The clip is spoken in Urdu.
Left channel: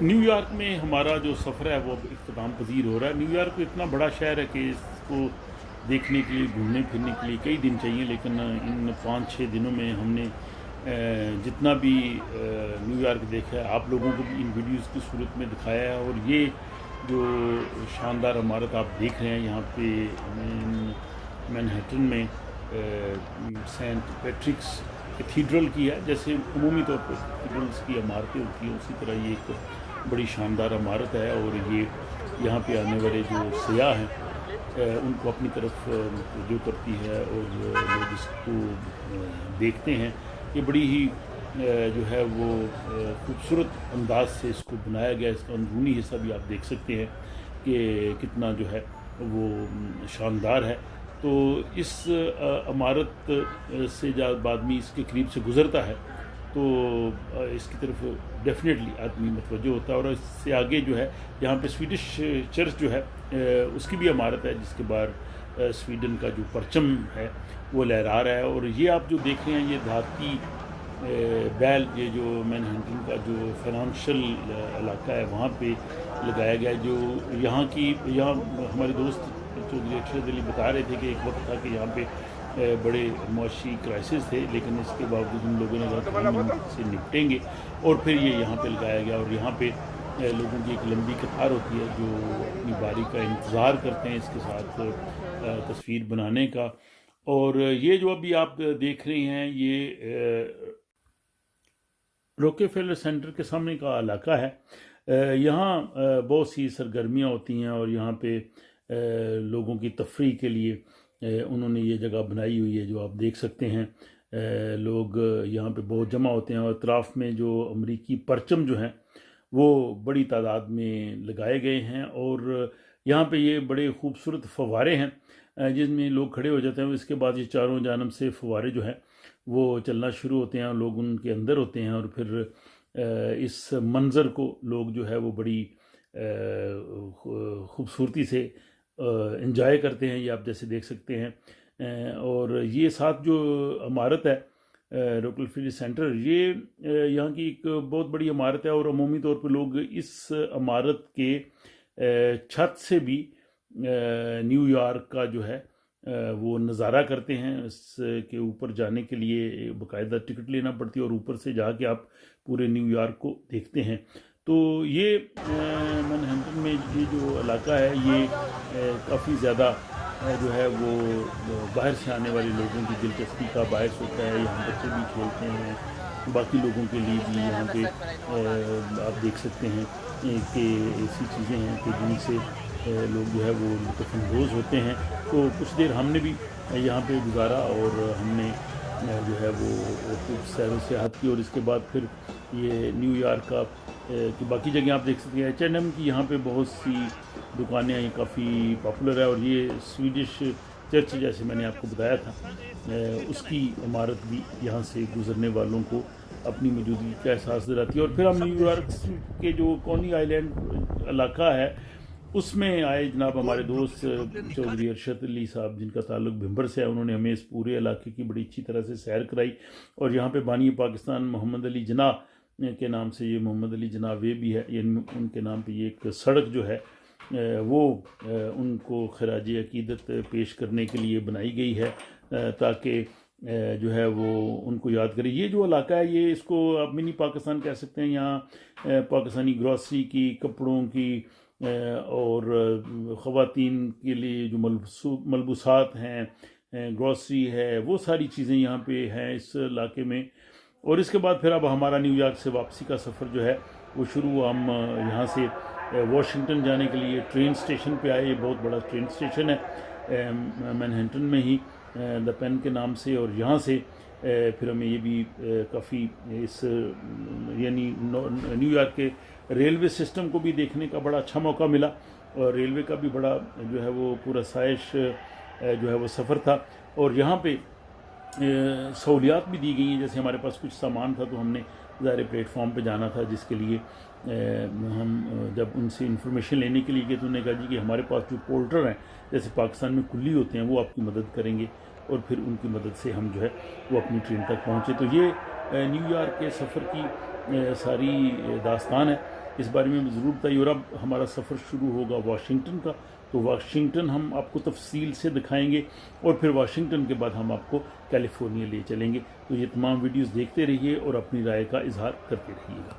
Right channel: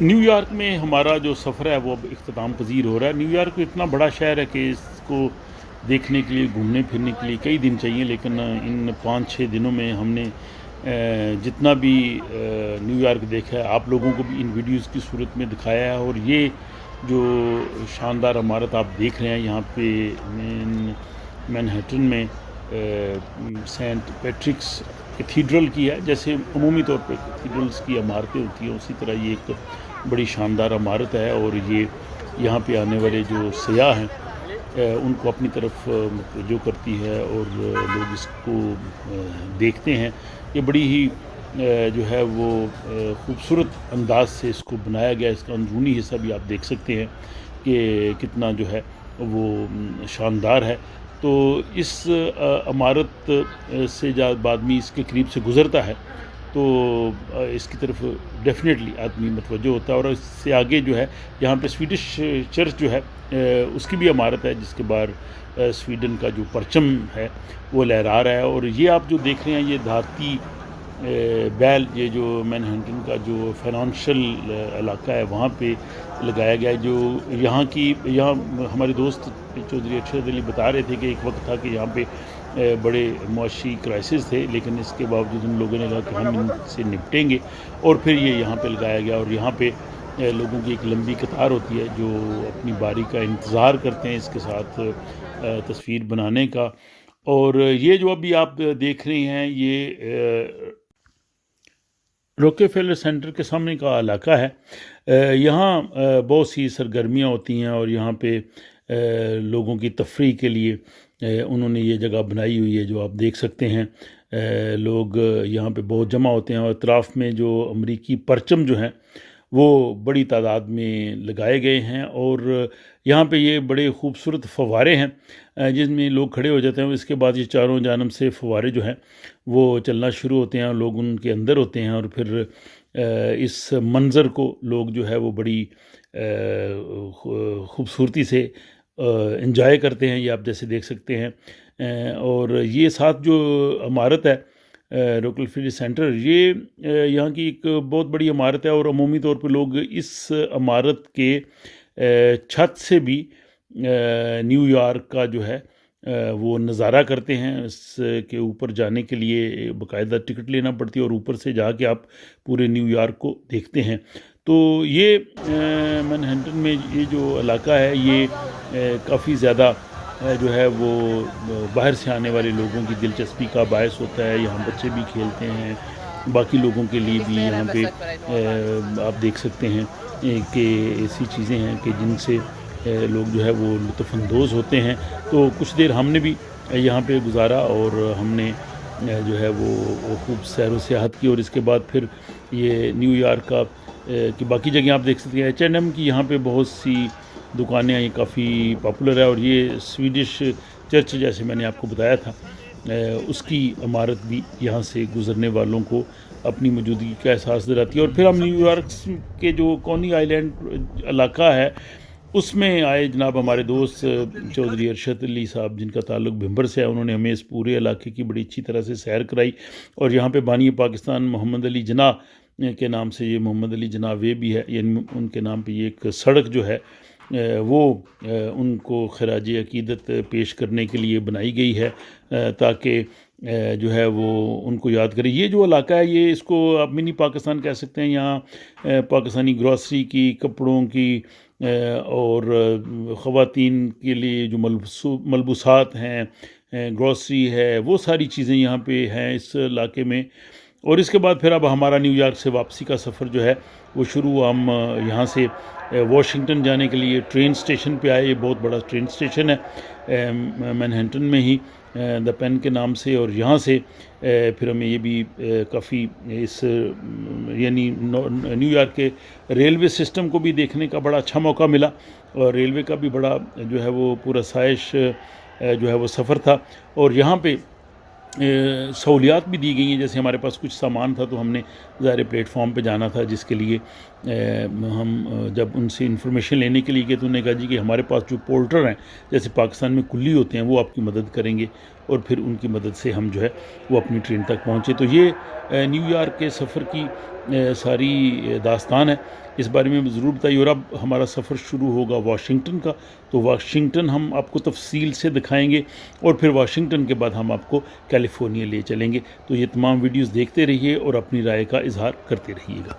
نیو یارک میں ہمارا جو سفر ہے وہ اب اختتام پذیر ہو رہا ہے۔ نیو یارک اتنا بڑا شہر ہے کہ اس کو دیکھنے کے لیے، گھومنے پھرنے کے لیے کئی دن چاہیے، لیکن ان 5-6 دنوں میں ہم نے جتنا بھی نیو یارک دیکھا ہے آپ لوگوں کو بھی ان ویڈیوز کی صورت میں دکھایا ہے۔ اور یہ جو شاندار عمارت آپ دیکھ رہے ہیں یہاں پہ مینہٹن میں سینٹ پیٹرکس کیتھیڈرل کی ہے، جیسے عمومی طور پہ کیتھیڈرلز کی عمارتیں ہوتی ہیں اسی طرح یہ ایک بڑی شاندار عمارت ہے، اور یہ یہاں پہ آنے والے جو سیاح ہیں ان کو اپنی طرف متوجہ کرتی ہے، اور لوگ اس کو دیکھتے ہیں۔ یہ بڑی ہی جو ہے وہ خوبصورت انداز سے اس کو بنایا گیا، اس کا اندرونی حصہ بھی آپ دیکھ سکتے ہیں کہ کتنا جو ہے وہ شاندار ہے۔ تو اس عمارت سے جب آدمی اس کے قریب سے گزرتا ہے تو اس کی طرف ڈیفینیٹلی آدمی متوجہ ہوتا ہے، اور اس سے آگے جو ہے یہاں پہ سویڈش چرچ جو ہے اس کی بھی عمارت ہے، جس کے باہر سویڈن کا جو پرچم ہے وہ لہرا رہا ہے۔ اور یہ آپ جو دیکھ رہے ہیں یہ دھاتی بیل، یہ جو مینہٹن کا جو فائنانشل علاقہ ہے وہاں پہ لگایا گیا ہے۔ جو یہاں ہمارے دوست چودھری ارشد علی بتا رہے تھے کہ ایک وقت تھا کہ یہاں پہ بڑے معاشی کرائسس تھے، لیکن اس کے باوجود ان لوگوں نے کہا کہ ہم ان سے نپٹیں گے، اور پھر یہ یہاں پہ لگایا گیا۔ اور یہاں پہ لوگوں کی ایک لمبی قطار ہوتی ہے جو اپنی باری کا انتظار کرتے ہیں اس کے ساتھ تصویر بنانے کا۔ اور یہ جو ابھی آپ دیکھ رہے ہیں یہ روکے فیلر سینٹر کے سامنے کا علاقہ ہے۔ یہاں بہت سی سرگرمیاں ہوتی ہیں، اور یہاں پہ لوگوں کی تفریح کے لیے انہوں نے یہ جگہ بنائی ہوئی ہے جو آپ دیکھ سکتے ہیں۔ لوگ یہاں پہ بہت جمع ہوتے ہیں، اور اطراف میں جو امریکی پرچم جو ہیں وہ بڑی تعداد میں لگائے گئے ہیں، اور یہاں پہ یہ بڑے خوبصورت فوارے ہیں جس میں لوگ کھڑے ہو جاتے ہیں۔ اس کے بعد یہ چاروں جانب سے فوارے جو ہیں وہ چلنا شروع ہوتے ہیں، اور لوگ ان کے اندر ہوتے ہیں، اور پھر اس منظر کو لوگ جو ہے وہ بڑی خوبصورتی سے انجوائے کرتے ہیں، یہ آپ جیسے دیکھ سکتے ہیں۔ اور یہ ساتھ جو عمارت ہے روکل فیلر سینٹر، یہ یہاں کی ایک بہت بڑی عمارت ہے، اور عمومی طور پہ لوگ اس عمارت کے چھت سے بھی نیو یارک کا جو ہے وہ نظارہ کرتے ہیں۔ اس کے اوپر جانے کے لیے باقاعدہ ٹکٹ لینا پڑتی ہے، اور اوپر سے جا کے آپ پورے نیو یارک کو دیکھتے ہیں۔ تو یہ مینہٹن میں یہ جو علاقہ ہے یہ کافی زیادہ جو ہے وہ باہر سے آنے والے لوگوں کی دلچسپی کا باعث ہوتا ہے۔ یہاں بچے بھی کھیلتے ہیں، باقی لوگوں کے لیے بھی یہاں پہ آپ دیکھ سکتے ہیں کہ ایسی چیزیں ہیں کہ جن سے لوگ جو ہے وہ لطف اندوز ہوتے ہیں۔ تو کچھ دیر ہم نے بھی یہاں پہ گزارا، اور ہم نے جو ہے وہ خوب سیر و سیاحت کی، اور اس کے بعد پھر یہ نیو یارک کا کی باقی جگہیں آپ دیکھ سکتے ہیں۔ H&M کی یہاں پہ بہت سی دکانیں ہیں، یہ کافی پاپولر ہے، اور یہ سویڈش چرچ جیسے میں نے آپ کو بتایا تھا اس کی عمارت بھی یہاں سے گزرنے والوں کو اپنی موجودگی کا احساس دلاتی ہے۔ اور پھر ہم نیو یارک کے جو کونی آئی لینڈ علاقہ ہے اس میں آئے جناب ہمارے دوست چودھری ارشد علی صاحب، جن کا تعلق بھمبر سے ہے۔ انہوں نے ہمیں اس پورے علاقے کی بڑی اچھی طرح سے سیر کرائی، اور یہاں پہ بانی پاکستان محمد علی جناح کے نام سے یہ محمد علی جناح وے بھی ہے، یعنی ان کے نام پہ یہ ایک سڑک جو ہے وہ ان کو خراج عقیدت پیش کرنے کے لیے بنائی گئی ہے، تاکہ جو ہے وہ ان کو یاد کرے۔ یہ جو علاقہ ہے یہ اس کو آپ منی پاکستان کہہ سکتے ہیں۔ یہاں پاکستانی گروسری کی، کپڑوں کی، اور خواتین کے لیے جو ملبوسات ہیں، گروسری ہے، وہ ساری چیزیں یہاں پہ ہیں اس علاقے میں۔ اور اس کے بعد پھر اب ہمارا نیو یارک سے واپسی کا سفر جو ہے وہ شروع۔ ہم یہاں سے واشنگٹن جانے کے لیے ٹرین سٹیشن پہ آئے۔ یہ بہت بڑا ٹرین سٹیشن ہے مینہٹن میں ہی، دا پین کے نام سے۔ اور یہاں سے پھر ہمیں یہ بھی کافی اس یعنی نیو یارک کے ریلوے سسٹم کو بھی دیکھنے کا بڑا اچھا موقع ملا، اور ریلوے کا بھی بڑا جو ہے وہ پورا سائش جو ہے وہ سفر تھا۔ اور یہاں پہ سہولیات بھی دی گئی ہیں، جیسے ہمارے پاس کچھ سامان تھا تو ہم نے ظاہر پلیٹ فارم پہ جانا تھا، جس کے لیے ہم جب ان سے انفارمیشن لینے کے لیے گئے تو انہوں نے کہا جی کہ ہمارے پاس جو پورٹر ہیں جیسے پاکستان میں کلی ہوتے ہیں وہ آپ کی مدد کریں گے، اور پھر ان کی مدد سے ہم جو ہے وہ اپنی ٹرین تک پہنچے۔ تو یہ نیو یارک کے سفر کی ساری داستان ہے اس بارے میں ضرور بتائیے. اور اب ہمارا سفر شروع ہوگا واشنگٹن کا, تو واشنگٹن ہم آپ کو تفصیل سے دکھائیں گے, اور پھر واشنگٹن کے بعد ہم آپ کو کیلیفورنیا لے چلیں گے. تو یہ تمام ویڈیوز دیکھتے رہیے اور اپنی رائے کا اظہار کرتے رہیے گا.